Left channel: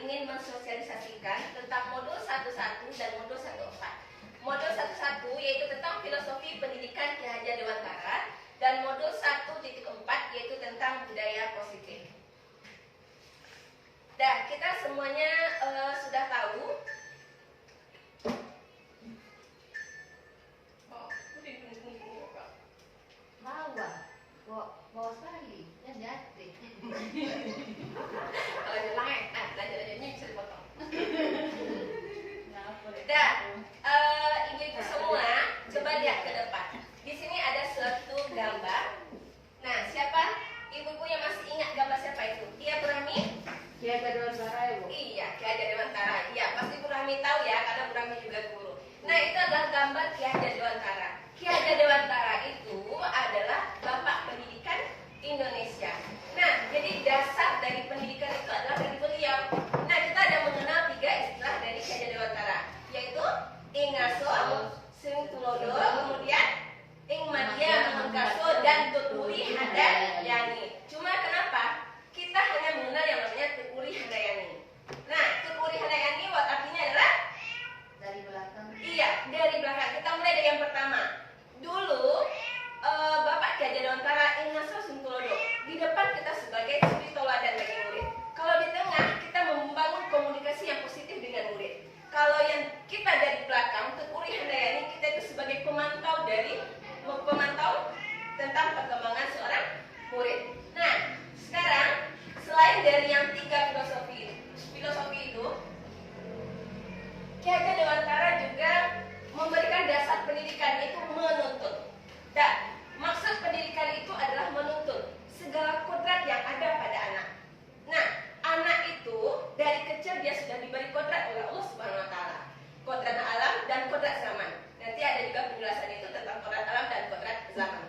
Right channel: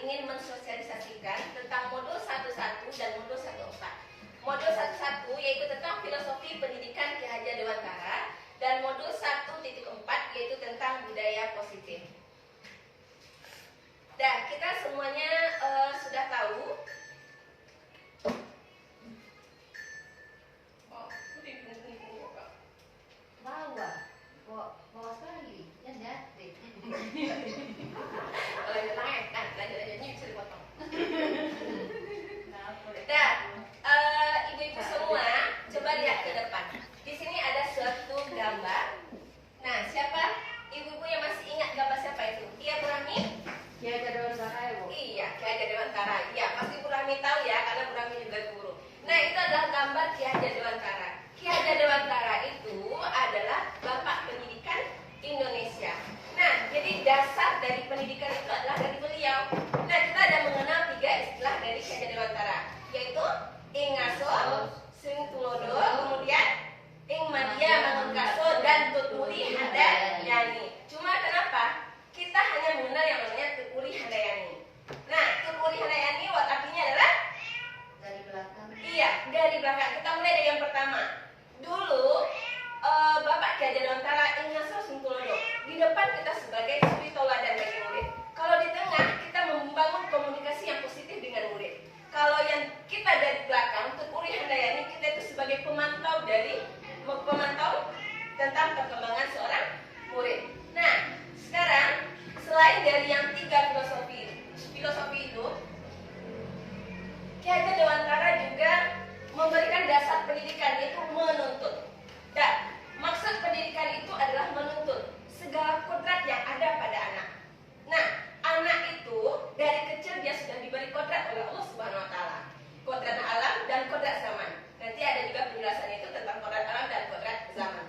ingin mensosialisasikan tentang modul 11 dan modul 14. Modul 11 yaitu tentang filosofi pendidikan Ki Hajar Dewantara dan modul 1.4 yaitu tentang budaya positif. Dah, kita semuanya sudah tahu. Bawa sekali, dan jatuh. Kalau ada lain, lanjut-lanjutnya bisa dipotong. Dah, ibu-ibu semua, coba lihat ke depan. Di sini ada suatu gambar. Nah, siapa ibu-ibu yang masih ingat gambar siapa itu? Iya, Bu Rahmi? Ki Hajar Dewantara ya, Bu? Iya, Ki Hajar Dewantara. Iya, pasti Bu Rahmi tahu ya, karena Bu Rahmi juga guru. Nah, itu adalah gambar Ki Hajar Dewantara. Ki Hajar Dewantara itu adalah Bapak Pendidikan Indonesia. Nah, jadi dasar dari pendidikan itu adalah dari beliau. Nah, kita ada mengenal 3 istilah dari Ki Hajar Dewantara, yaitu ing ngaso, sing tulodo, kemudian ing madya mangkaso dan tuturi handayani. Cuma kenapa kita hanya mengenal yang namanya tuturi handayani? Nah, tuturi handayani artinya adalah Dari belakang. iya, dari belakang. Kita mulai dari yang pertama. Dulu Bapak Ki Hajar Dewantara ing ngaso sing tulodo. Di depan kita sebagai suri toladan bagi murid. Kalau di tengah kita membangun komunikasi yang positif dengan murid. Kalau yang kita dari belakang, tuturi handayani, kita itu sebagai pemantau tentang perkembangan seorang murid. Nah, sekarang selain dari yang 3 filosofi itu, Ki Hajar Dewantara juga memberikan dasar pendidikan, yaitu menuntut. Dan maksud pendidikan itu adalah menuntut segala kodrat yang ada pada anak. Nah, anak itu dari kecil dia sudah diberi kodrat oleh Allah Subhanahu Wa Taala. Kodrat alam dan kodrat zaman. Nanti ada juga penjelasan itu tentang kodrat alam dan kodrat zaman.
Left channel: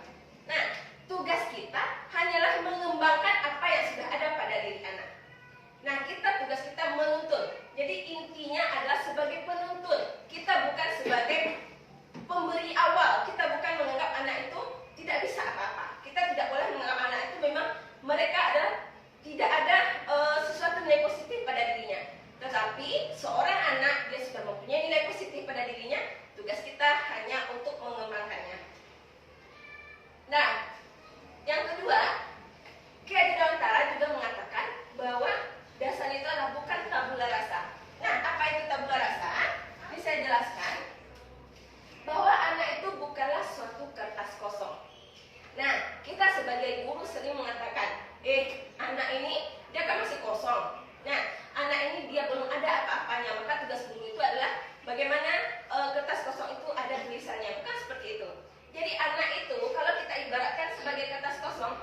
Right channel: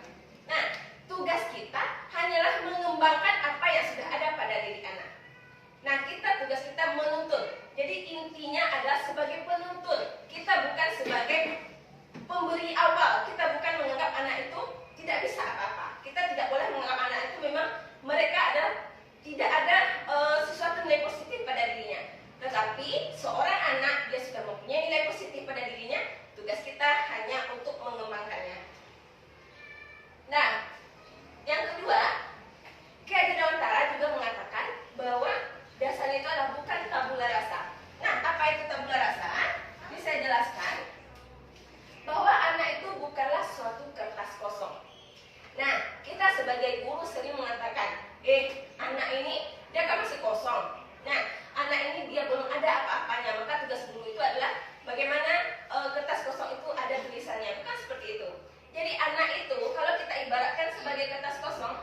Nah, tugas kita hanyalah mengembangkan apa yang sudah ada pada diri anak. Nah, tugas kita menuntut. Jadi intinya adalah sebagai penuntut. Kita bukan sebagai pemberi awal. Kita bukan menganggap anak itu tidak bisa apa-apa. Kita tidak boleh menganggap anak itu memang mereka tidak ada sesuatu nilai positif pada dirinya. Tetapi seorang anak dia sudah mempunyai nilai positif pada dirinya. Tugas kita hanya untuk mengembangkannya. Nah, yang kedua, Ki Hajar Dewantara juga mengatakan bahwa dasarnya itu adalah bukan tabula rasa. Nah, apa itu tabula rasa? Ini saya jelaskan bahwa anak itu bukanlah suatu kertas kosong. Nah, kita sebagai guru sering mengatakan, anak ini dia kan masih kosong. Nah, anak ini dia belum ada apa-apanya. Maka tugas guru itu adalah bagaimana kertas kosong itu ada tulisannya. Bukan seperti itu. Jadi anak itu kalau kita ibaratkan sebagai kertas kosong,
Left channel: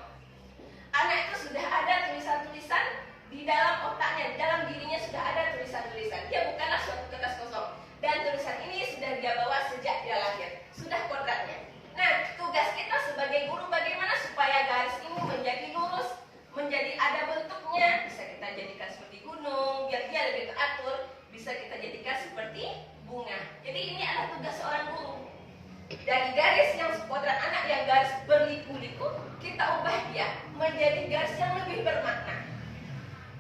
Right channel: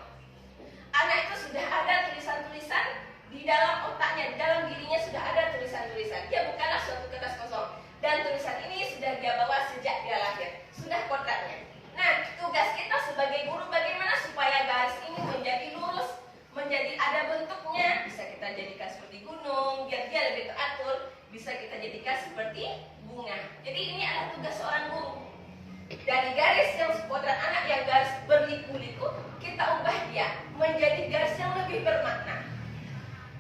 anak itu sudah ada tulisan-tulisan di dalam otaknya, di dalam dirinya sudah ada tulisan-tulisan. Dia bukanlah suatu kertas kosong. Dan tulisan ini sudah dia bawa sejak dia lahir. Sudah kodratnya. Nah, tugas kita sebagai guru bagaimana supaya garis ini menjadi lurus, menjadi ada bentuknya. Bisa kita jadikan seperti gunung, biar dia lebih teratur. Bisa kita jadikan seperti bunga. Jadi ini adalah tugas seorang guru. Dari garis yang kodrat anak yang garis berliku-liku, kita ubah dia menjadi garis yang lebih bermakna.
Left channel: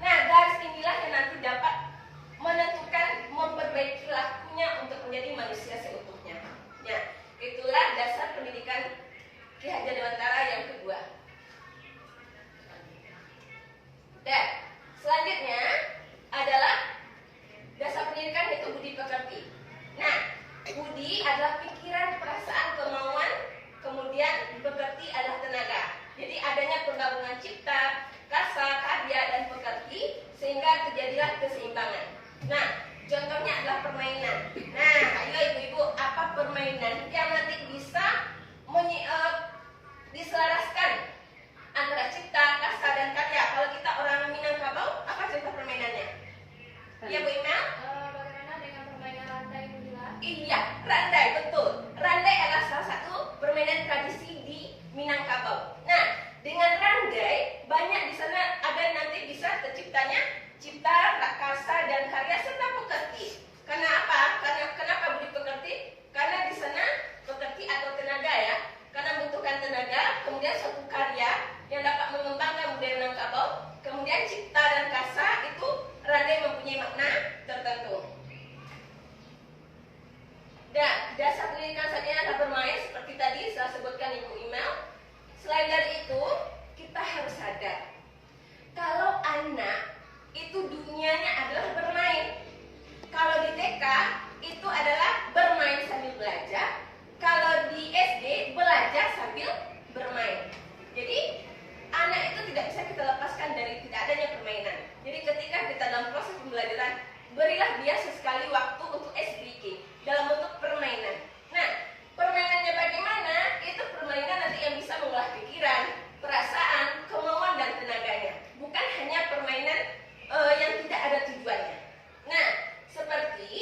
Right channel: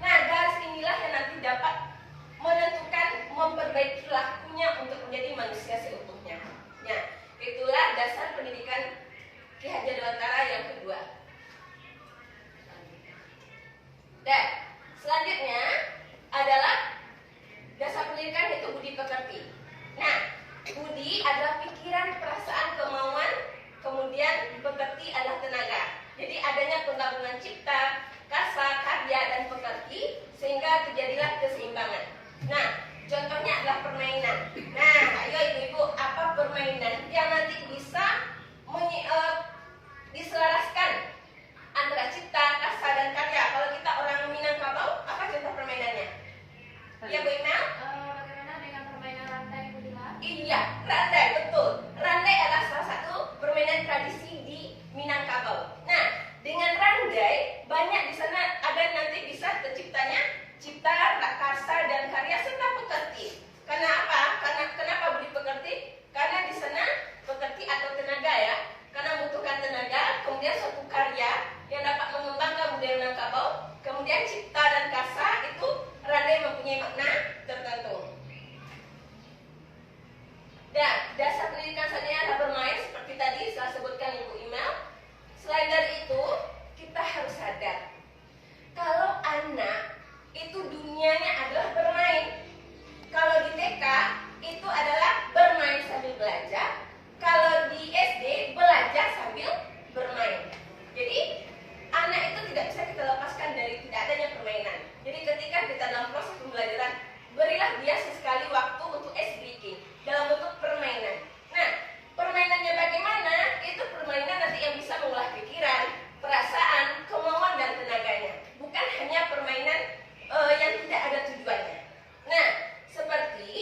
Nah, garis inilah yang nanti dapat menentukan, memperbaiki lakunya untuk menjadi manusia seutuhnya. Nah, itulah dasar pendidikan Ki Hajar Dewantara yang kedua. Dan selanjutnya adalah dasar pendidikan yaitu budi pekerti. Nah, budi adalah pikiran, perasaan, kemauan, kemudian pekerti adalah tenaga. Jadi adanya penggabungan cipta, kasa, karya, dan pekerti sehingga terjadilah keseimbangan. Nah, contohnya adalah permainan. Nah, ayo ibu-ibu, apa permainan yang nanti bisa diselaraskan antara cipta, kasa, dan karya? Kalau kita orang Minangkabau, apa contoh permainannya? Ya, Bu Imel? Bagaimana dengan permainan rantai, Bu Dila? Iya, randai, betul. Randai adalah salah satu permainan tradisi di Minangkabau. Nah, dengan randai, banyak di sana ada nanti bisa terciptanya cipta, kasa, dan karya serta pekerti. Karena apa? Kenapa budi pekerti? Karena di sana pekerti atau tenaga ya. Karena membutuhkan tenaga, kemudian suatu karya yang dapat mengembangkan budaya Minangkabau, kemudian cipta dan kasa itu randai mempunyai makna tertentu. Dan dasar pendidikan saat ini adalah bermain seperti tadi saya sebutkan Ibu Email. Selain dari itu, kita harus sadar kalau anak itu dunianya adalah bermain. Kalau di TK itu adalah bermain sambil belajar. Kalau di SD belajar sambil bermain. Jadi anak itu tidak bisa kita lepaskan dari tidak adanya permainan. Jadi ketika kita dalam proses pembelajaran, berilah dia sesekali waktu untuk ice breaking dalam bentuk permainan. Nah, permainannya bagaimana? Itu permainan nanti yang bisa mengolah pikiran, perasaan, kemauan dan tenaganya. Bukan hanya permainan yang tidak ada tujuannya. Nah, seperti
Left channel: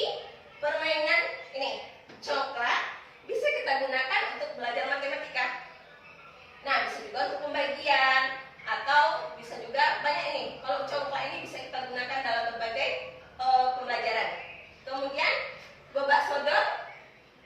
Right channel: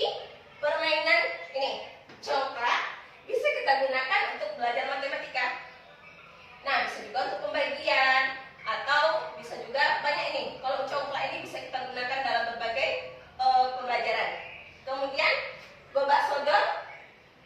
permainan ini, coklat bisa kita gunakan untuk belajar matematika. Nah, bisa juga untuk pembagian atau bisa juga banyak ini. Kalau coklat ini bisa kita gunakan dalam berbagai pembelajaran. Kemudian gobak sodor,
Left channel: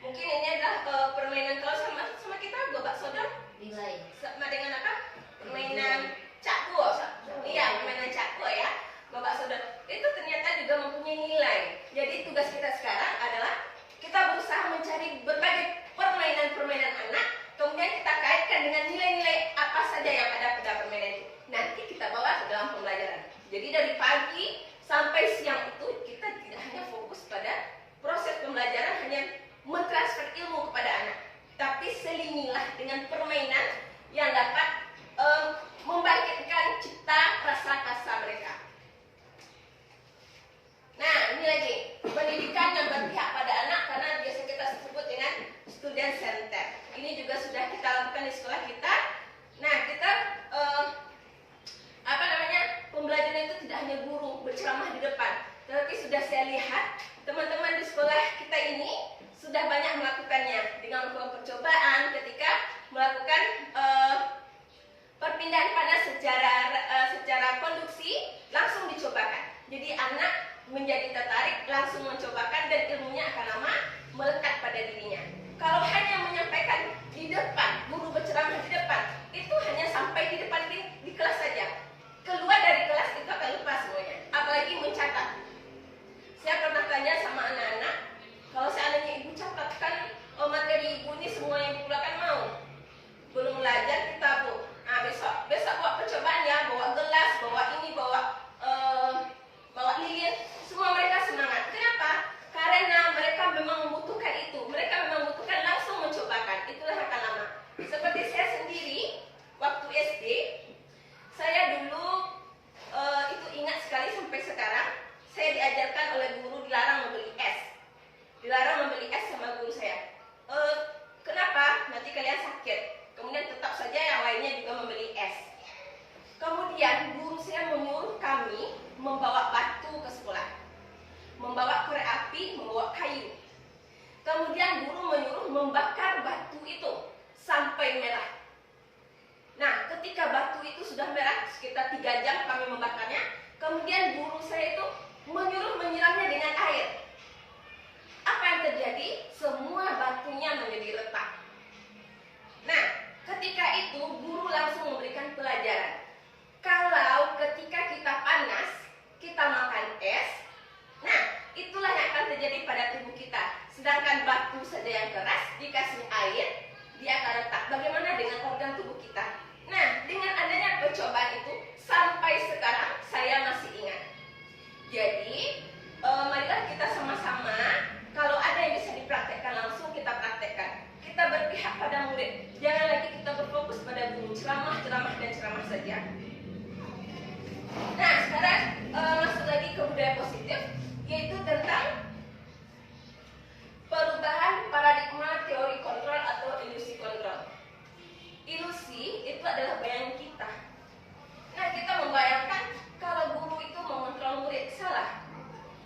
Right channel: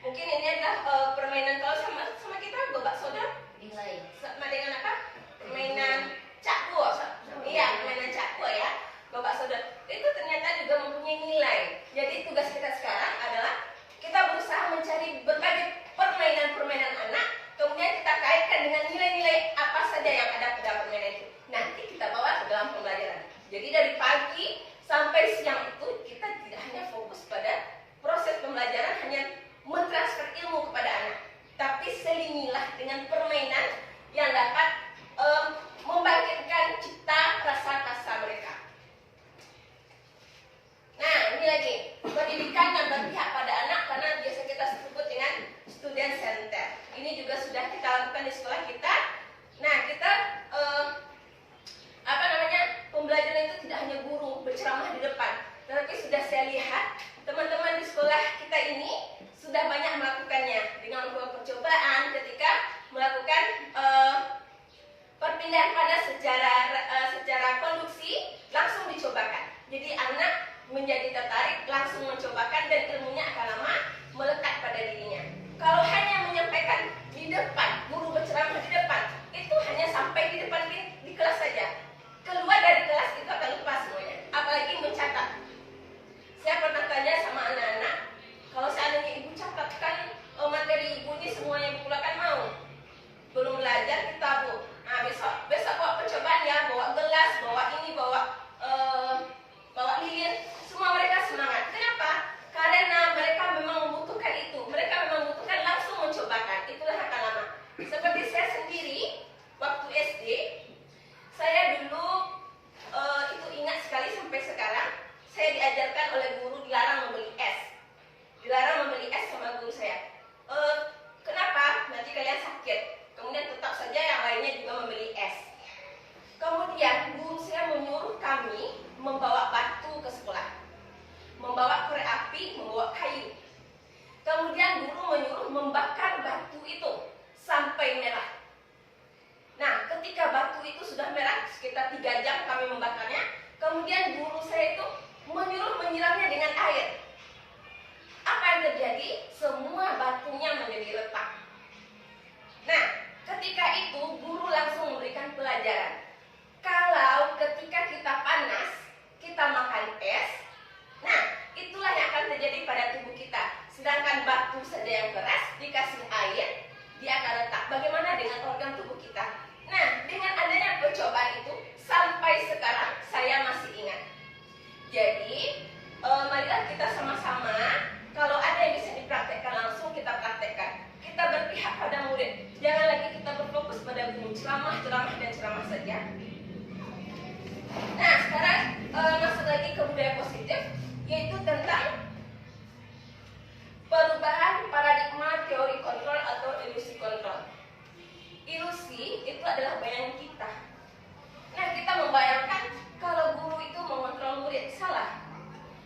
mungkin ini adalah permainan kalau sama kita gobak sodor Nilai. sama dengan apa? Permainan cakwo. Iya, permainan cakwo ya. Gobak sodor itu ternyata juga mempunyai nilai. Jadi tugas kita sekarang adalah kita berusaha mencari berbagai permainan-permainan anak, kemudian kita kaitkan dengan nilai-nilai apa saja yang ada pada permainan itu. Nanti kita bawa ke dalam pembelajaran. Jadi dari pagi sampai siang itu kita tidak hanya fokus pada proses pembelajaran, hanya mentransfer ilmu kepada anak, tapi selingilah dengan permainan yang dapat membangkitkan cipta rasa kasa mereka. Nah, ini lagi pendidikan yang berpihak pada anak, karena biasa kita sebut dengan student center. Ini juga sudah kita lakukan di sekolah kita. Nah, kita pembelajaran itu tidak hanya guru berceramah di depan, tetapi sudah saya lihat teman-teman di sekolah kita ini sudah banyak melakukannya dengan melakukan percobaan ketika melakukan perpindahan pada secara konduksi langsung dicobakan. Jadi anak menjadi tertarik, langsung mencobakan, dan ilmunya akan lama melekat pada dirinya. Kalau hanya menyampaikan di depan, guru berceramah di depan, itu hanya sampai di depan di kelas saja. Keluar dari kelas itu akan lupa semuanya, apalagi mencatat. Saya pernah tanya sama anak-anak, kalau seandainya ibu catatkan materi ibu ini semua yang dikeluarkan mau? Belum belajar kita bu. Nah, besok bawa percobaan ya, bawa gelas, bawa ini, bawa lilin. Semua mereka semangat. Kenapa? Karena mereka memang membutuhkan itu. Mereka memang membutuhkan langsung mencobakan. Itulah akan lama. Seperti saya sendiri, waktu SD, saya dulu itu ingat sekali sampai sekarang, saya diajarkan oleh guru dilarang membeli es. Dilarang membeli es sama guru saya. Kenapa? Nanti kalian sakit. Kemudian tetap saja yang lainnya juga membeli es. Kemudian guru saya menyuruh kami membawa batu ke sekolah, membawa korek api, membawa kayu. Kemudian guru menyuruh membakar batu itu sampai merah. Nah, ketika batu itu sudah merah, sekitar 3 jam kami membakarnya. Kemudian guru saya itu menyuruh menyiramnya dengan air. Apa yang terjadi? Semua batunya menjadi retak. Nah, ketika itu guru langsung memberikan pelajaran. Kalau ketika kita panas, kita makan es, nah itulah yang akan terjadi pada tubuh kita. Sedangkan batu saja yang keras, dikasih air, dia akan retak. Bagaimana dengan organ tubuh kita? Nah, dengan adanya percobaan itu, sampai sekarang saya masih ingat. Jadi, marilah kita sama-sama, kalau ada yang bisa dipraktekkan langsung, kita praktekkan. Kita berpihak pada murid. Jangan lagi kita berfokus pada guru, ceramah dan ceramah saja. Nah, sekarang masuk lagi ke budaya positif, yaitu tentang perubahan paradigma teori kontrol atau ilusi kontrol. Ilusi itu adalah bayangan kita. Nah, kita membayangkan kalau guru itu mengontrol murid, salah.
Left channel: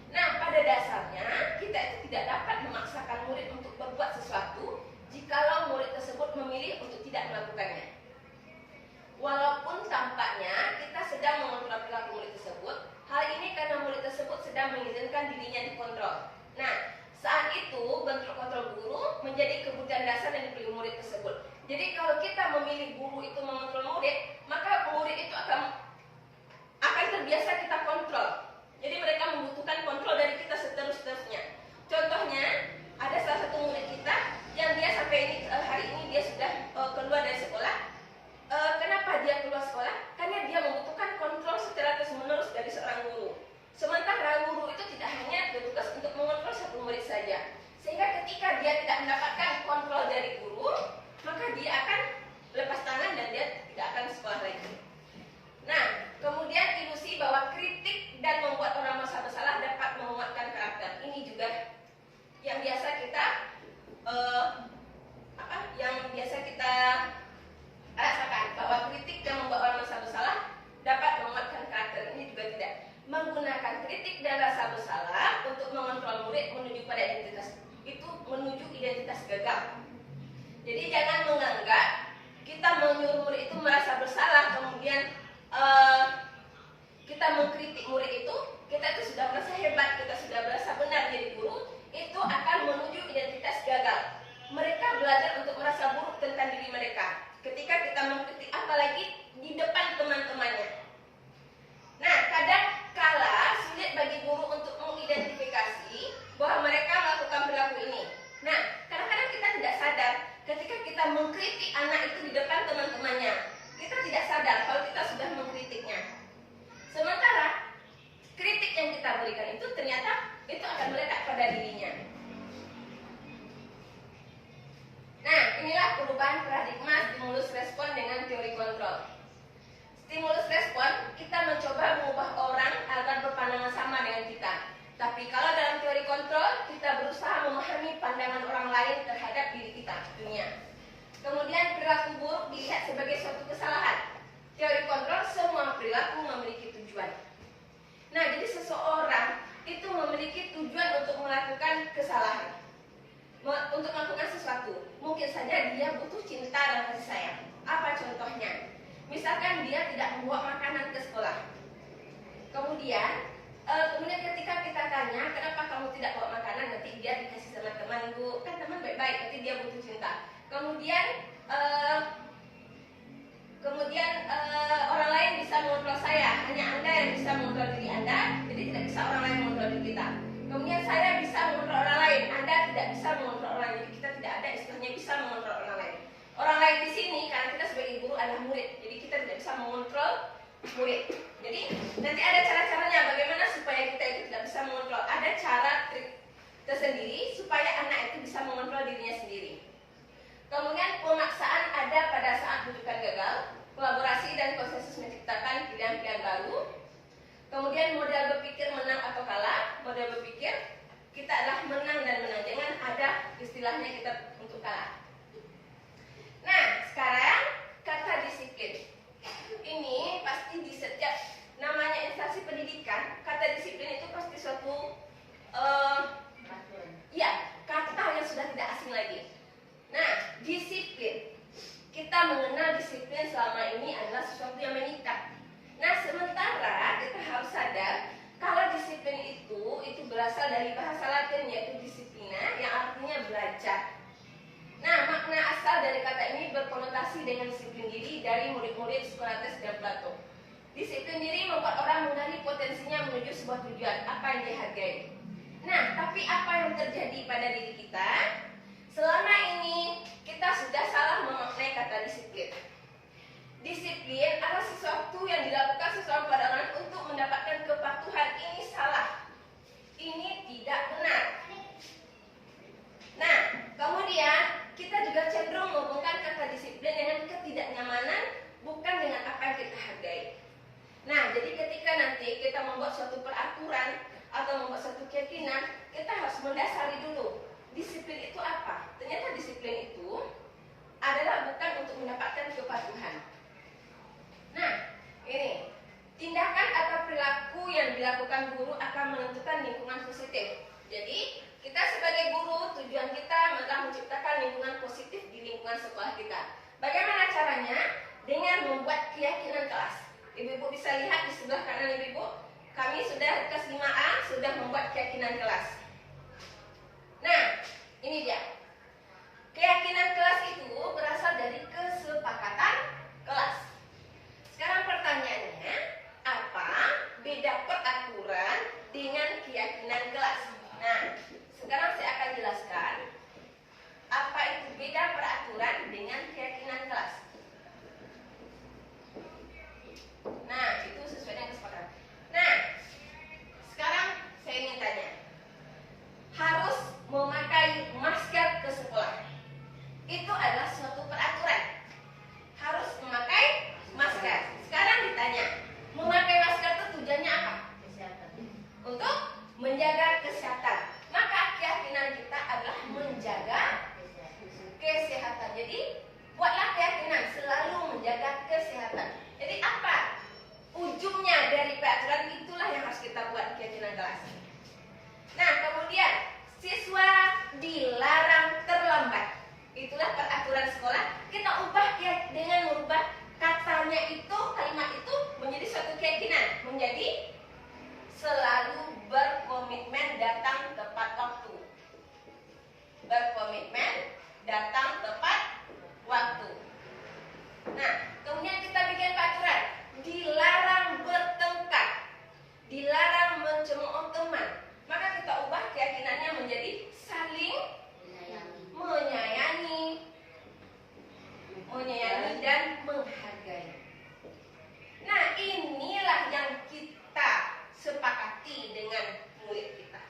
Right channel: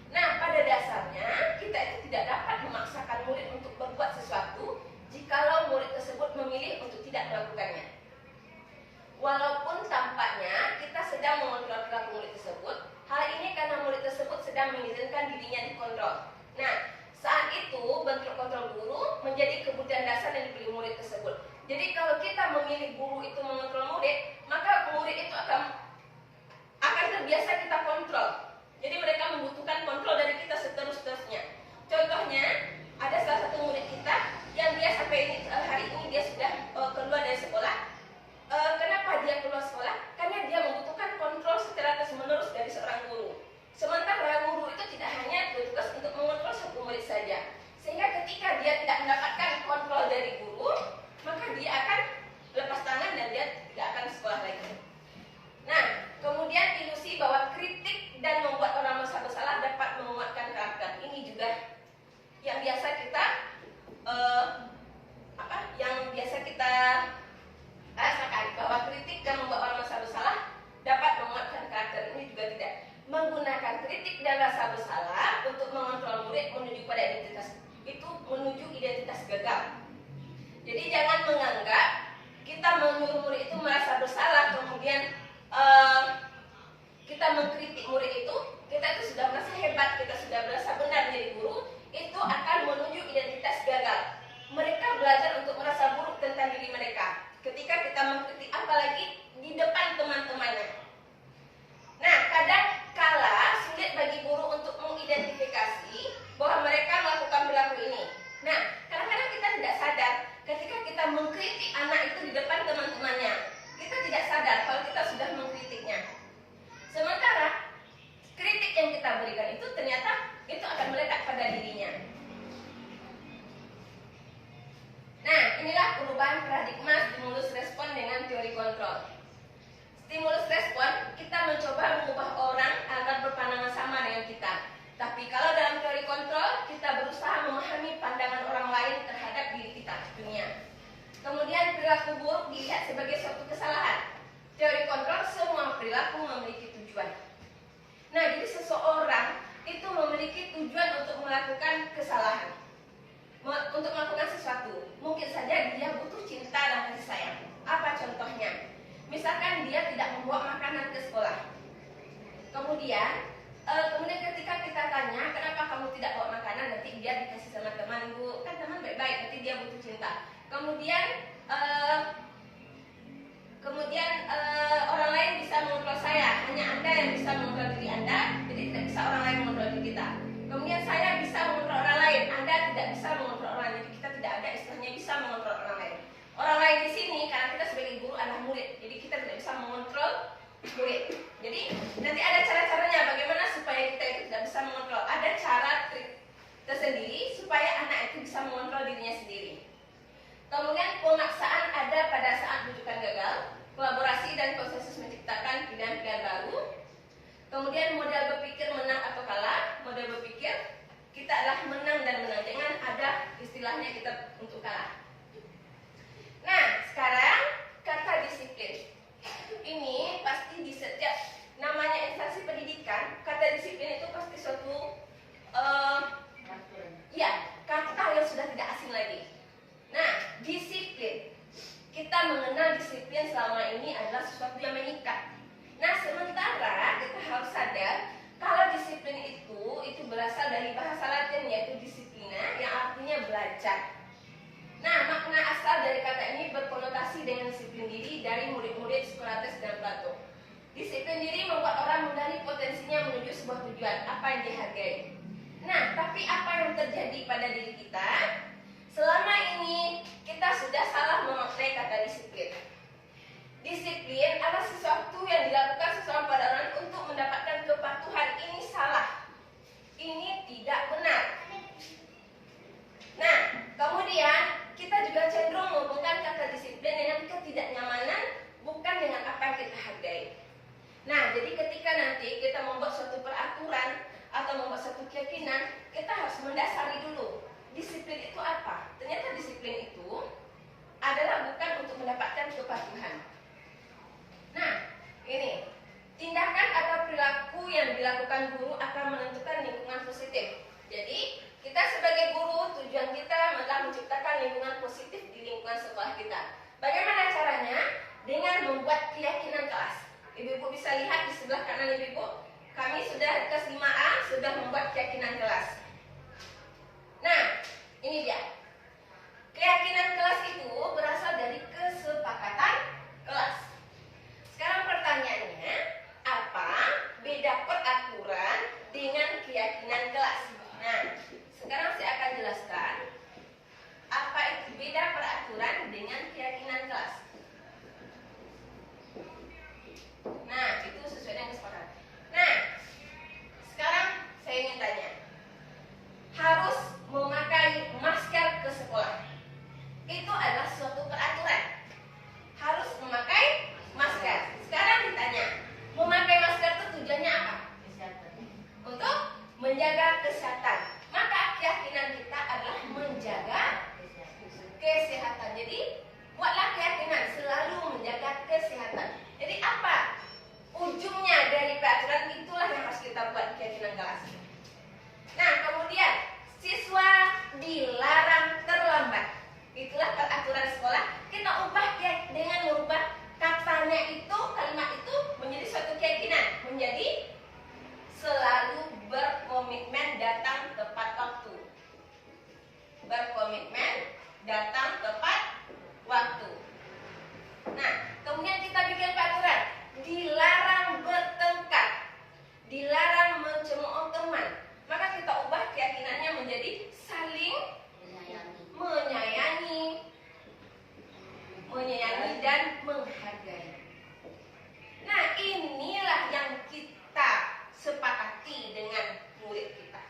Nah, pada dasarnya kita itu tidak dapat memaksakan murid untuk berbuat sesuatu jikalau murid tersebut memilih untuk tidak melakukannya. Walaupun tampaknya kita sedang mengontrol perilaku murid tersebut, hal ini karena murid tersebut sedang mengizinkan dirinya dikontrol. Nah, saat itu bentuk kontrol guru menjadi kebutuhan dasar yang diberi murid tersebut. Jadi kalau kita memilih guru itu mengontrol murid, maka murid itu akan terbiasa kita kontrol. Jadi mereka membutuhkan menggunakan kritik dan rasa bersalah untuk mengontrol murid menuju pada identitas gagal. Jadi jangan menganggap kita menyuruh murid itu merasa bersalah, kemudian kita mengkritik murid itu, kita itu sudah merasa hebat, kita sudah merasa benar jadi guru, itu akan menuju identitas gagal. Mereka belajar untuk merasa buruk tentang diri mereka ketika kita mengkritik, apalagi di depan teman-temannya. Nah, kadang kala sulit bagi guru untuk mengidentifikasi bahwa mereka melakukan perilaku ini. Nah, kadang-kadang kita tidak sadar ketika kita mengkritik anak itu di depan teman-temannya. Kita tidak sadar kalau kita sudah mengkritiknya. Sementara kritik yang kita berikan itu ternyata itu akan melekat pada dirinya. Nah, inilah perubahan paradigma stimulus respon dengan teori kontrol. Stimulus respon, kita mencoba mengubah orang agar berpandangan sama dengan kita. Tapi kalau dalam teori kontrol, kita berusaha memahami pandangan orang lain terhadap diri kita, dunia. Kemudian perilaku buruk dilihat sebagai suatu kesalahan. Teori kontrol, semua perilaku memiliki tujuan. Nah, jadi seseorang itu memiliki tujuan untuk melakukan kesalahan, untuk melakukan sesuatu. Mungkin saja dia butuh cinta dan kasih sayang. Apa contohnya? Misalkan dia tidak membawa makanan ke sekolah. Kemudian ketika kita tanya, kenapa kamu tidak bawa makanan? Nanti dia dikasih sama teman, Bu. Kan teman baik-baik, nanti dia butuh cinta. Kemudian orang lain bisa mengontrol saya. Hanya Anda yang bisa mengontrol diri Anda, jadi tidak bisa orang lain mengontrol diri kita. Kemudian saya bisa mengontrol orang lain, Anda tidak bisa mengontrol orang lain. Jadi kita tidak ada istilahnya bisa mengontrol orang lain. Orang lain di sini karena kita sebagai guru adalah murid, jadi kita tidak bisa mengontrol murid. Jadi nanti ada cara-caranya bagaimana supaya kita itu tidak bisa mengontrol. Ada cara trik tersendiri supaya anak itu bisa mengontrol dirinya sendiri. Kemudian pemaksaan ada pada saat rujukan gagal, kolaborasi dan konsensus menciptakan pilihan-pilihan baru. Kemudian model berpikir menang atau kalah. Model berpikir kita adalah menang dan menang, jangan ada istilahnya kita untuk kalah. Nah, sekarang kata disiplin. Ini pasti di setiap namanya instansi pendidikan, kata disiplin itu pasti suatu kata yang sudah tidak asing lagi. Nah, disiplin. Kita mengenal disiplin selama ini adalah sesuatu yang mengikat. Nah, sementara kita harus sadar kalau disiplin itu berasal dari bahasa Latin yaitu disiplina, yang artinya belajar. Nah, makna asal dari kata ini berkonotasi dengan disiplin diri dari murid-murid Socrates dan Plato. Disiplin diri membuat orang mengenali potensinya menuju sebuah tujuan, apa yang dihargai. Nah, tapi apa yang terjadi pada diri kita? Selama ini kita sudah salah memaknai kata disiplin. Disiplin adalah sesuatu yang dilakukan seseorang pada orang untuk mendapatkan kepatuhan. Ini salah. Ini tidak benar. Nah, kemudian kita juga cenderung menghubungkan kata disiplin dengan ketidaknyamanan, bukan dengan apa yang kita hargai. Nah, jadi ketika nanti kita membuat suatu peraturan atau membuat suatu keyakinan, kita harus mendasari dulu disiplin itu apa. Ternyata disiplin itu adalah bukan untuk mendapatkan kepatuhan. Nah, ini tindakan atau perilaku yang dilakukan guru akan menentukan lingkungan positif. Jadi kita sebagai guru, tujuan kita adalah menciptakan lingkungan positif di lingkungan sekolah kita. Bagaimana caranya? Dengan membuat keyakinan kelas. Ibu-ibu bisa lihat di sebelah kanan ibu-ibu, kami sudah kelas 5A sudah membuat keyakinan kelas. Nah, ini dia. Keyakinan kelas itu berasal dari kesepakatan kelas. Sekarang pertanyaannya, apa beda peraturan dengan keyakinan kelas? Nah, sekarang saya akan jelaskan apa itu beda peraturan dengan keyakinan kelas. Nah, itu sesuai dengan kesepakatan. Nah, sekarang saya ingin tanya, harus memakai masker ke sekolah. Itu adalah suatu peraturan. Harus memakai masker. Sekarang ditanya, memakai masker itu tujuannya apa? Untuk menjaga kesehatan. Maka keyakinan kita adalah menjaga kesehatan. Jadi buatlah keyakinan selalu menjaga kesehatan. Jadi apa ujungnya dari peraturan itulah yang harus kita buat di keyakinan kelas. Nah, kemudian siswa dilarang terlambat. Itulah peraturan sekolah. Kita ubah ya dengan merubah katanya itu, kalimat itu menjadi suatu keyakinan, menjadi selalu berkomitmen datang tepat waktu. Berkomitmen datang tepat waktu. Nah, kemudian kita bikin peraturan, dilarang bertengkar, dilarang mencemooh teman. Maka kita ubah keyakinannya menjadi saling menyayangi dan menghargai. Nah, inilah yang kita sepakati dengan murid kita.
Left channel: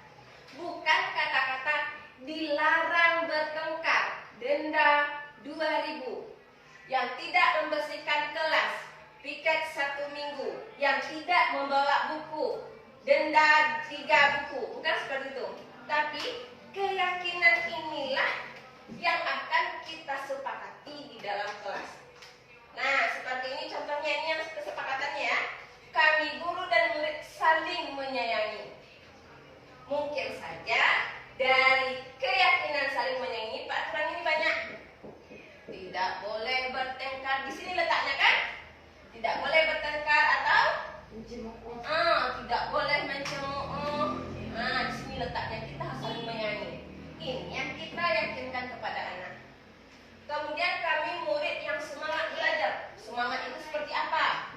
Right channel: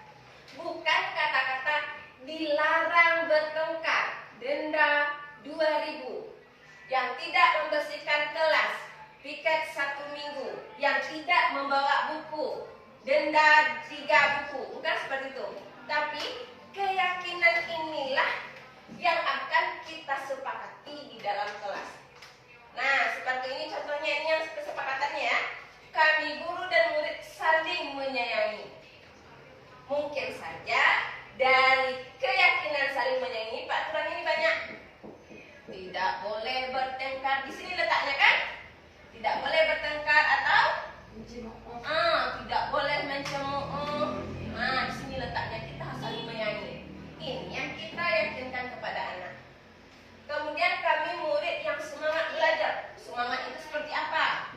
Bukan kata-kata dilarang bertengkar, denda 2.000, yang tidak membersihkan kelas, piket 1 minggu, yang tidak membawa buku, denda 3 buku. Bukan seperti itu. Tapi keyakinan inilah yang akan kita sepakati di dalam kelas. Nah, seperti ini contohnya, ini yang kesepakatannya ya. Kami guru dan murid saling menyayangi. Mungkin saja dari keyakinan saling menyayangi, peraturan ini banyak. Tidak boleh bertengkar, di sini letaknya kan? Tidak boleh bertengkar atau tidak boleh mencemooh. Nah, di sini letaknya, kita harus saling menyayangi. Ini yang kita yakinkan kepada anak. Kemudian kami murid yang semangat belajar. Semangat itu seperti apa?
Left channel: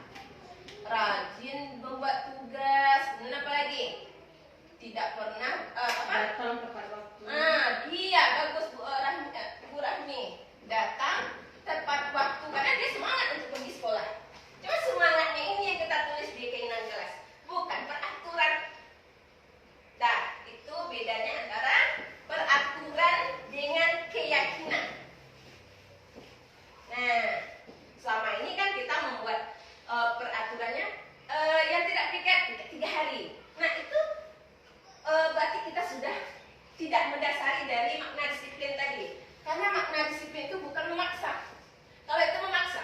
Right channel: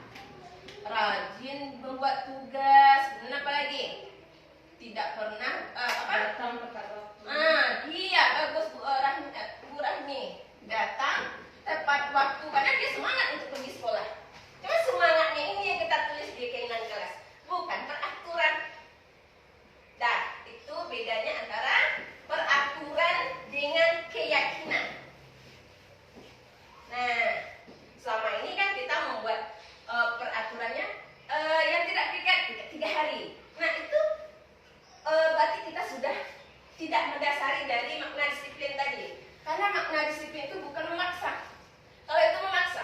Rajin membuat tugas. Dan apa lagi? Tidak pernah Datang tepat waktu. Iya, bagus Bu Rahmi. Datang tepat waktu karena dia semangat untuk pergi sekolah. Cuma semangatnya ini yang kita tulis di keinginan kelas, bukan peraturan. Nah, itu bedanya antara peraturan dengan keyakinan. Nah, selama ini kan kita membuat peraturannya yang tidak piket 3 hari. Nah, itu berarti kita sudah tidak mendasari dari makna disiplin tadi. Karena makna disiplin itu bukan memaksa. Kalau itu memaksa,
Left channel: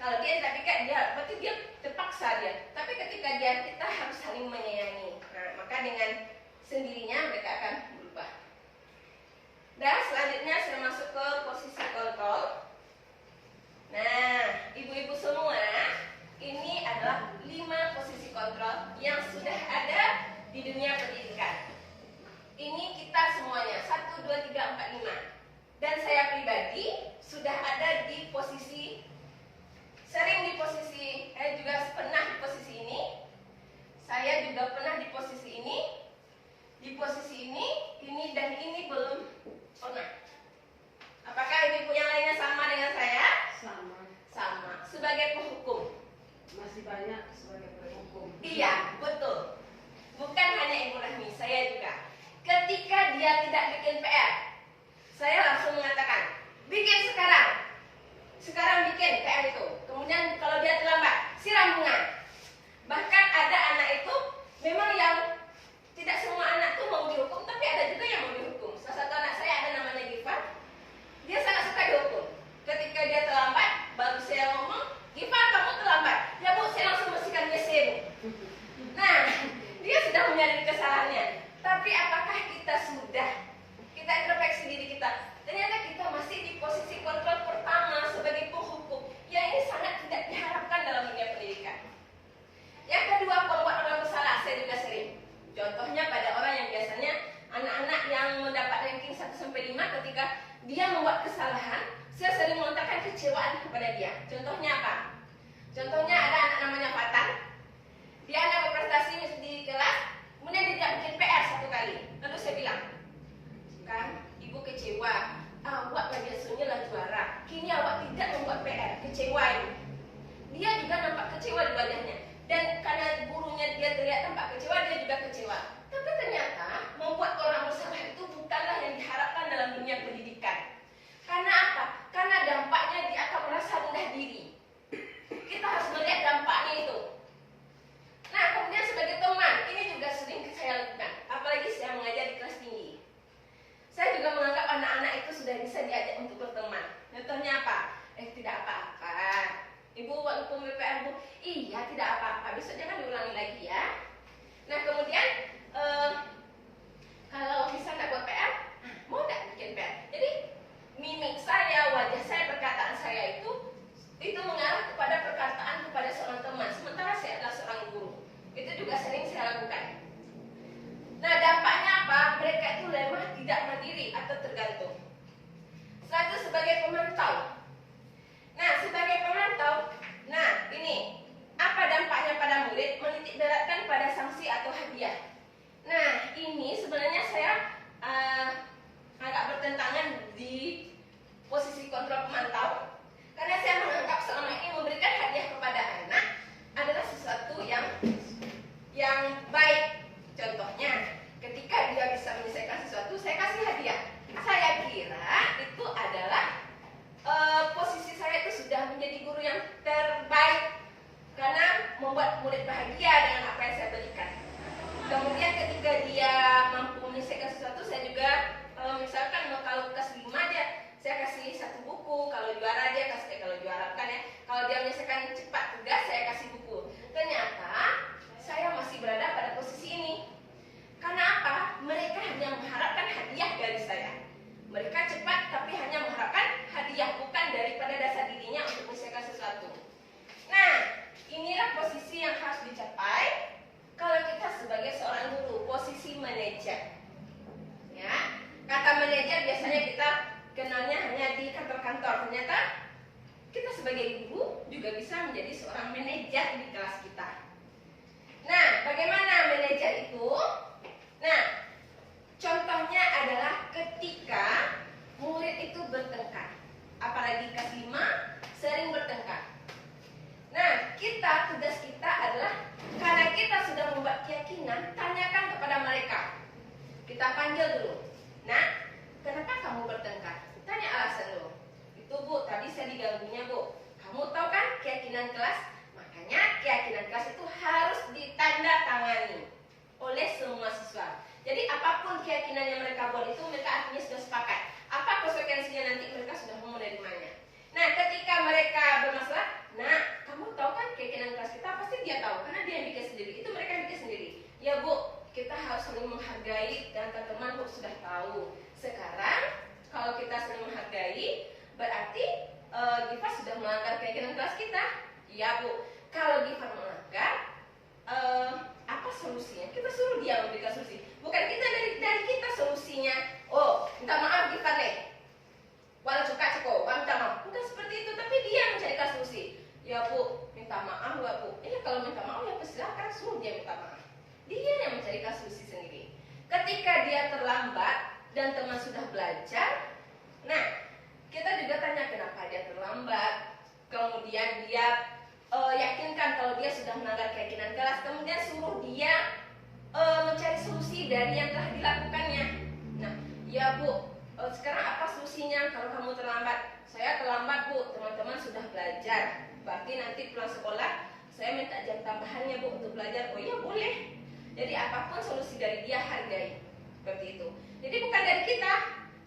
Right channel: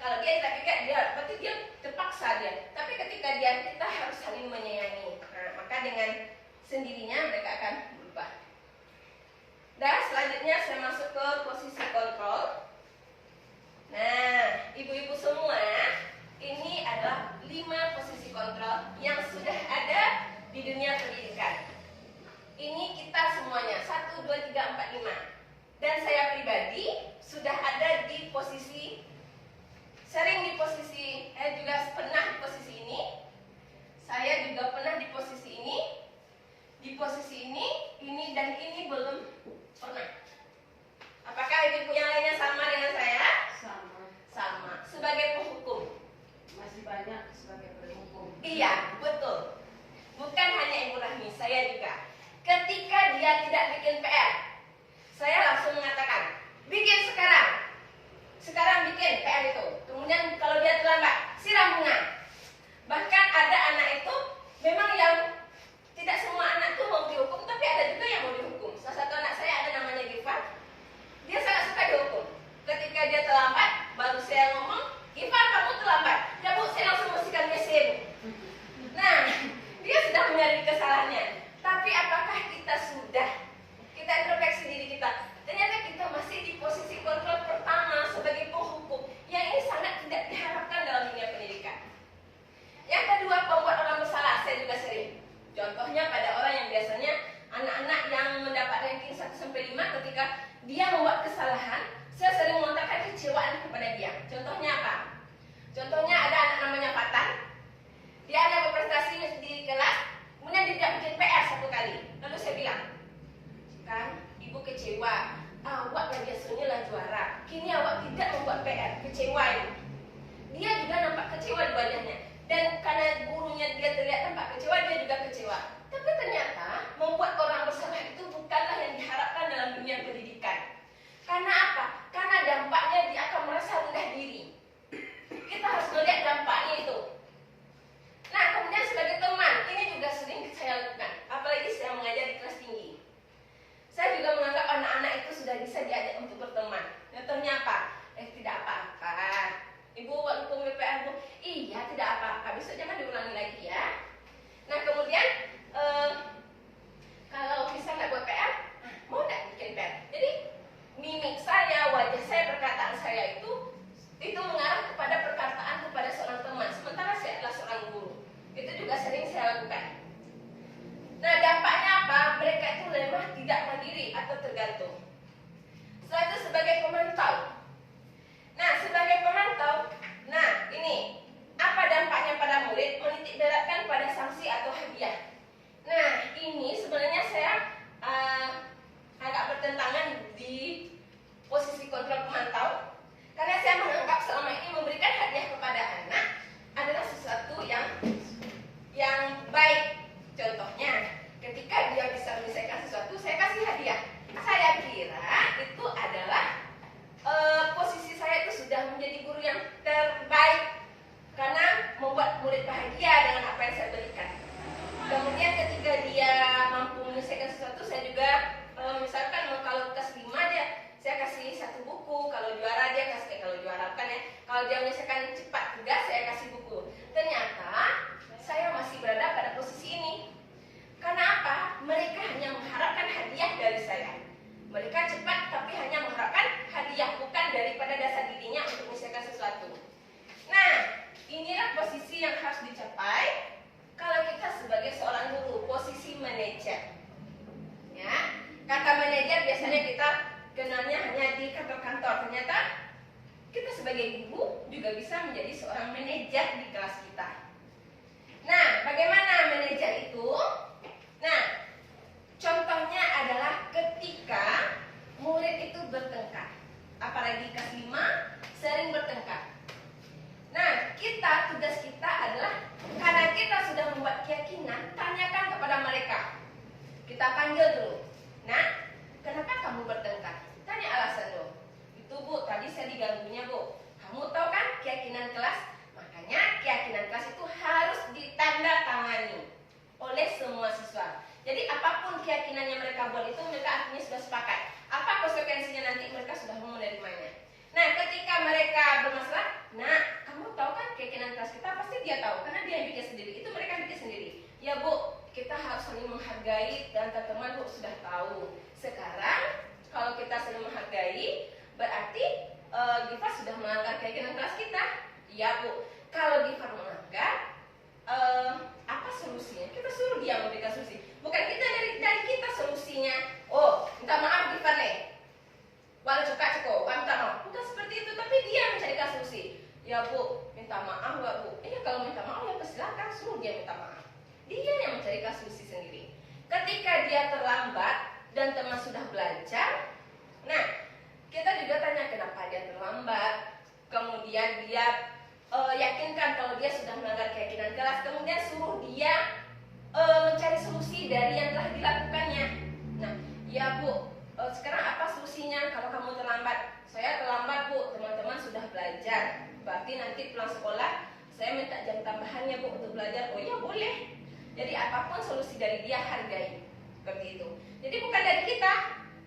kalau dia tidak piket, berarti dia terpaksa dia. Tapi ketika kita harus saling menyayangi. Nah, maka dengan sendirinya mereka akan berubah. Dan selanjutnya saya masuk ke posisi kontrol. Nah, ibu-ibu semua, ini adalah 5 posisi kontrol yang sudah ada di dunia pendidikan. Ini kita semuanya 1, 2, 3, 4, 5. Dan saya pribadi sudah ada di posisi, sering di posisi, saya juga pernah di posisi ini. Saya juga pernah di posisi ini, dan ini belum pernah. Apakah ibu yang lainnya sama dengan saya? Sama. Sebagai penghukum. Masih banyak sebagai penghukum. Iya, betul. Bukan hanya Ibu Rahmi, saya juga. Ketika dia tidak bikin PR, saya langsung mengatakan, bikin sekarang. Sekarang bikin PR itu. Kemudian kalau dia terlambat, siram bunga. Bahkan ada anak itu, memang yang tidak semua anak itu mau dihukum, tapi ada juga yang mau dihukum. Salah satu anak saya ada namanya Gifar. Dia sangat suka dihukum. Ketika dia terlambat, baru saya ngomong, Gifar kamu terlambat. Ya Bu, saya langsung bersihkan WC Bu. Nah, dia sudah menyadari kesalahannya. Tapi apakah kita introspeksi diri kita? Ternyata kita masih di posisi kontrol pertama sebagai penghukum. Yang ini sangat tidak diharapkan dalam dunia pendidikan. Yang kedua, pembuat orang bersalah. Saya juga sering. Contohnya pada orang yang biasanya anak-anak yang mendapat ranking 1-5, ketika dia membuat kesalahan, saya sering melontarkan kecewaan kepada dia. Contohnya apa? Contohnya ada anak namanya Fatan. Dia anak berprestasi di kelas, kemudian dia tidak bikin PR 1 kali. Lalu saya bilang, kan ibu kecewa, awak kan biasanya lah juara, kini awak tidak membuat PR, kecewa ibu. Dia juga nampak kecewa di wajahnya. Dan karena gurunya dia terlihat nampak kecewa, dia juga kecewa. Tapi ternyata membuat orang bersalah itu bukanlah yang diharapkan dalam dunia pendidikan. Karena apa? Karena dampaknya dia akan merasa rendah diri. Kita harus melihat dampaknya itu. Nah, kemudian sebagai teman, ini juga sering saya lakukan. Apalagi saya mengajar di kelas tinggi. Saya juga menganggap anak-anak itu sudah bisa diajak untuk berteman. Contohnya apa? Tidak apa-apa. Ibu waktu pembicaraan Bu, iya tidak apa-apa. Habis tergantung. Setelah itu sebagai pemantau. Nah, sebagai pemantau, nah ini apa dampaknya pada murid? Menitik beratkan pada sanksi atau hadiah. Nah, ini sebenarnya saya agak bertentangan di posisi kontrol pemantau, karena saya menganggap selama ini memberikan hadiah kepada anak adalah sesuatu yang baik. Contohnya, ketika dia bisa menyelesaikan sesuatu, saya kasih hadiah. Saya kira itu adalah posisi saya itu sudah menjadi guru yang terbaik karena membuat murid bahagia dengan apa yang saya berikan. Kemudian ketika dia mampu menyelesaikan sesuatu, saya juga misalkan kalau kelas 5 saya kasih 1 buku. Kalau juara dia kasih, kalau juara kan ya, kalau dia menyelesaikan cepat tugas, saya kasih buku. Ternyata saya masih berada pada posisi ini. Karena apa? Mereka hanya mengharapkan hadiah dari saya. Mereka cepat tapi hanya mengharapkan hadiah, bukan daripada dasar dirinya untuk menyelesaikan sesuatu. Nah, inilah posisi yang harus dicapai kalau kita sebagai seorang guru, posisi manajer. Ya, kata manajer biasanya kita kenalnya hanya di kantor-kantor. Ternyata kita sebagai guru juga bisa menjadi seorang manajer di kelas kita. Nah, bagaimana manajer itu? Nah, contohnya adalah ketika murid itu bertengkar, apalagi kelas 5 sering bertengkar. Nah, tugas kita adalah karena kita sudah membuat keyakinan, tanyakan kepada mereka. Kita panggil dulu. Nah, kenapa kamu bertengkar? Tanya alasan lo. Itu Bu, tadi saya diganggunya Bu. Kamu tahu kan keyakinan kelas? Makanya keyakinan kelas itu harus ditandatangani oleh semua siswa. Jadi apapun keyakinan yang mereka buat itu, mereka artinya sudah sepakat. Apa konsekuensinya nanti mereka sudah mau menerimanya. Nah, ketika mereka bermasalah, nah, kamu tahu kan keyakinan kelas kita? Pasti dia tahu, karena dia yang bikin sendiri. Itu mereka yang bikin sendiri. Ya Bu, kita harus saling menghargai dan teman-teman Bu sudah tahu. Sekarang, kalau kita saling menghargai, berarti Giva sudah melanggar keyakinan kelas kita. Ya Bu, kalau Giva melanggar, apa solusinya? Kita suruh dia memberikan solusi. Bukan kita dari kita solusinya. Oh, minta maaf Giva nih. Walau suka cukup, minta maaf. Bukan seperti itu, tapi dia mencarikan solusi. Ya Bu, minta maaf ya Bu. Kalau minta maaf ya silakan suruh dia minta maaf. Dia yang mencarikan solusi sendiri. Ketika dia terlambat dan teman sudah belajar, nah kita juga tanya kenapa dia terlambat. Kemudian dia yakinkan kalau dia sudah melanggar keyakinan kelas. Kemudian suruh dia mencari solusi dari yang telah dilakukannya. Nah, ya Bu, sekarang apa solusinya kalau kamu terlambat? Saya terlambat Bu, teman-teman sudah belajar. Berarti nanti pulang sekolah saya minta jam tambahannya Bu untuk belajar. Oh iya boleh. Jadi apapun solusi dari dia hargai. Seperti itu. Jadi bukan dari kita.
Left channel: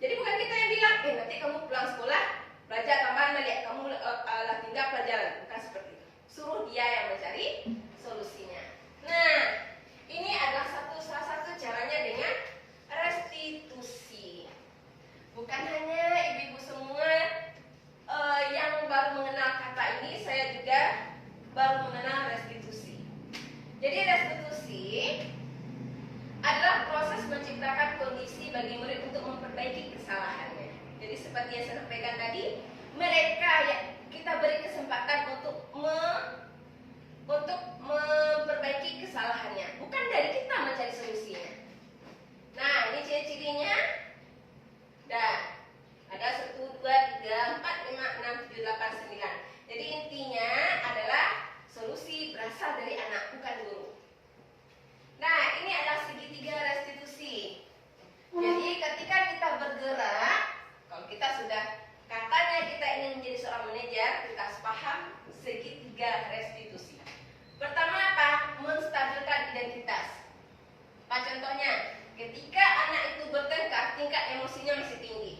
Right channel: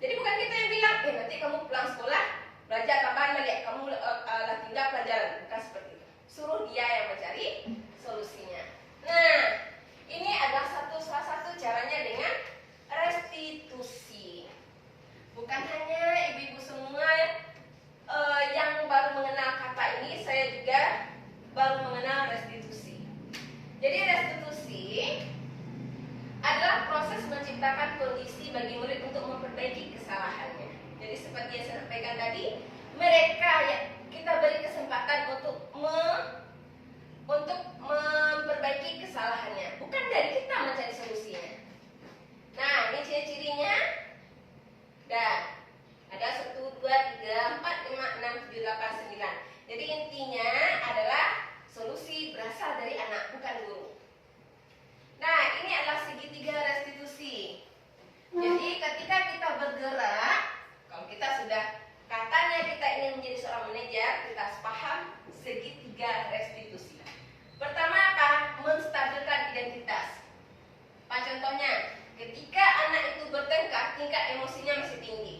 Jadi bukan kita yang bilang, nanti kamu pulang sekolah belajar tambahan balik, kamu tinggal pelajaran. Bukan seperti itu. Suruh dia yang mencari solusinya. Nah, ini adalah salah satu caranya dengan restitusi. Bukan hanya ibu-ibu semua yang baru mengenal kata ini, saya juga baru mengenal restitusi. Jadi restitusi adalah proses menciptakan kondisi bagi murid untuk memperbaiki kesalahannya. Jadi seperti yang saya sampaikan tadi, mereka yang kita beri kesempatan untuk memperbaiki kesalahannya, bukan dari kita mencari solusinya. Nah, ini ciri-cirinya. Dan ada 1, 2, 3, 4, 5, 6, 7, 8, 9. Jadi intinya adalah solusi berasal dari anak, bukan guru. Nah, ini adalah segitiga restitusi. Jadi ketika kita bergerak, kalau kita sudah katanya kita ingin menjadi seorang manajer, kita harus paham segitiga restitusi. Pertama apa? Menstabilkan identitas. Apa contohnya? Ketika anak itu bertengkar, tingkat emosinya masih tinggi.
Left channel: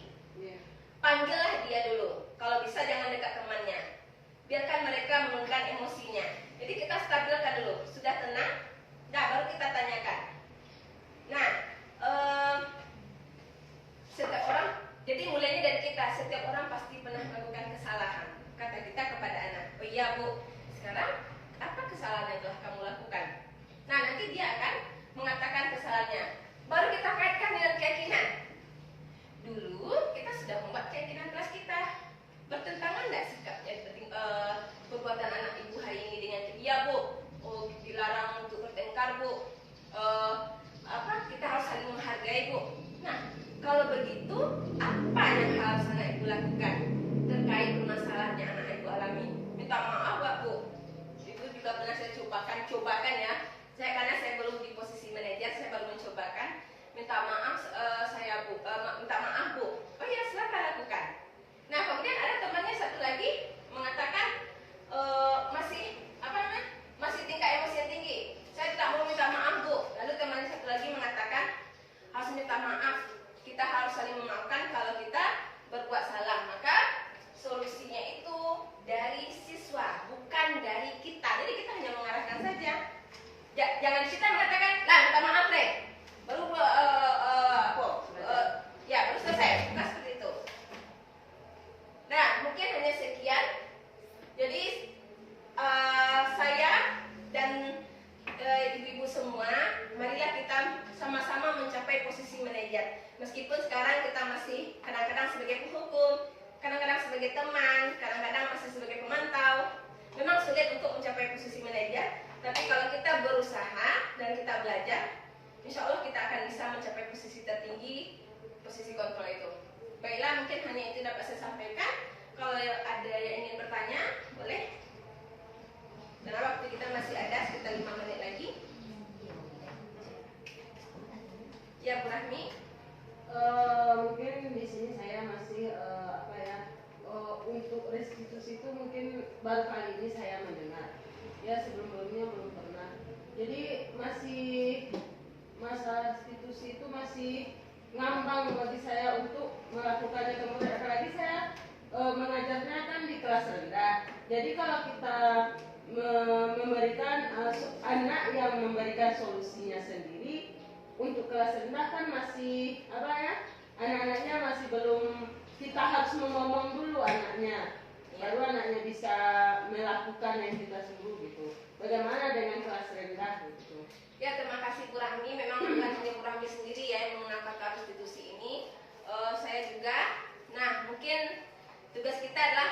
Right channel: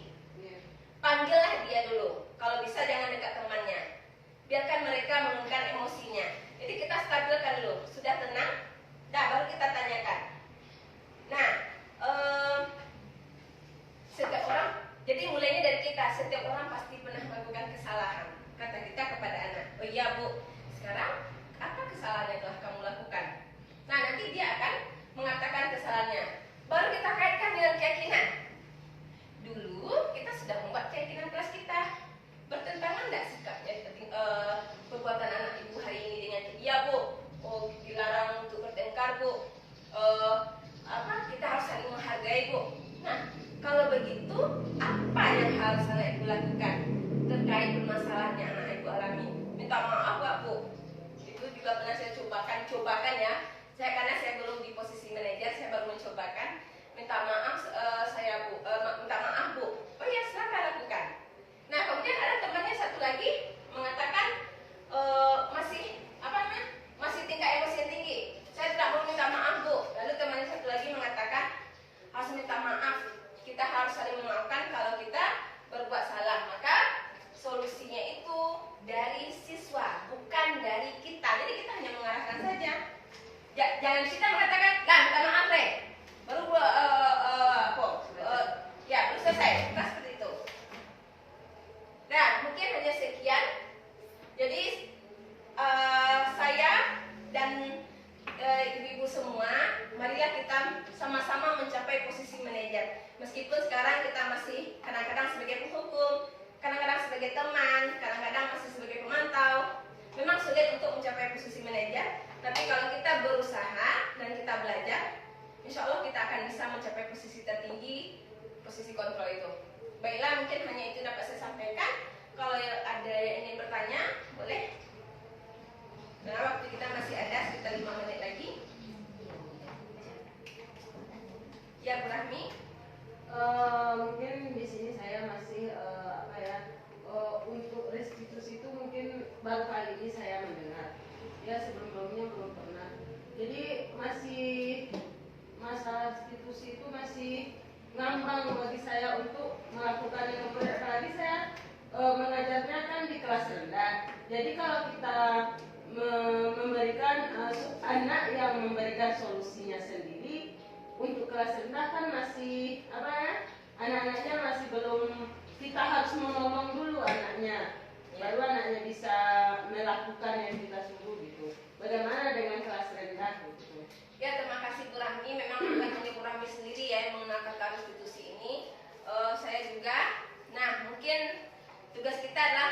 Panggillah dia dulu. Kalau bisa jangan dekat temannya. Biarkan mereka mengungkapkan emosinya. Jadi kita stabilkan dulu. Sudah tenang? Nah, baru kita tanyakan. Nah, setiap orang, jadi mulainya dari kita. Setiap orang pasti pernah melakukan kesalahan. Kata kita kepada anak, oh iya Bu, sekarang apa kesalahan yang telah kamu lakukan? Nah, nanti dia akan mengatakan kesalahannya. Baru kita kaitkan dengan keyakinan. Dulu harus anak ibu lakukan terkait permasalahan yang anak ibu alami? Minta maaf Pak Bu, itu juga pernah saya cobakan ya. Karena saya belum di posisi manajer, saya baru mencobakan. Minta maaf minta maaf Bu. Oh ya, silakan lakukan. Nah, kemudian ada temannya satu lagi mengatakan masih tingkat emosi yang tinggi. Saya tidak mau minta maaf Bu. Lalu temannya satu lagi mengatakan harus minta maaf. Kita harus saling memaafkan kalau kita berbuat salah. Maka solusinya itu dari siswa, bukan dari kita. Jadi kita hanya mengarahkan saja. Jangan kita mengatakan, lah minta maaf deh. Baru baru selesai. Bukan seperti itu. Nah, mungkin hanya sekian. Jadi saya dan ibu-ibu semua, marilah kita sama-sama mencapai posisi manajer. Meskipun sekarang kita masih kadang-kadang sebagai penghukum, kadang-kadang sebagai teman, kadang-kadang masih sebagai pemantau. Memang sulit untuk mencapai posisi manajer, tapi kalau kita berusaha dan kita belajar, insya Allah kita akan bisa mencapai posisi tertinggi, posisi kontrol itu. Baiklah, mungkin hanya itu dapat saya sampaikan. Kalau ada yang ingin bertanya, boleh. Karena waktu kita masih ada sekitar 5 menit lagi. Ya, Bu Rahmi. Mungkin di sini saya masih untuk restitusi itu mungkin baru kali ini saya mendengar. Ya, sebelumnya belum pernah. Jadi masih masalah restitusi itu masih ngambang bagi saya untuk melakukannya. Kemudian apalagi saya mengajarnya kan di kelas rendah. Jadi kalau kita memberikan anak yang memberikan solusinya sendiri untuk kelas rendah kan masih anak-anaknya masih belum, kita harus ngomong dulu anaknya, baru anaknya bisa melakukan yang kita suruh gitu. Bagaimana dengan kelas rendah gitu? Ya, terima kasih Bu Rahmi. Memang bukan hanya Bu Rahmi sendiri ya yang menggunakan restitusi ini. Saya juga. Nah, mungkin tugas kita adalah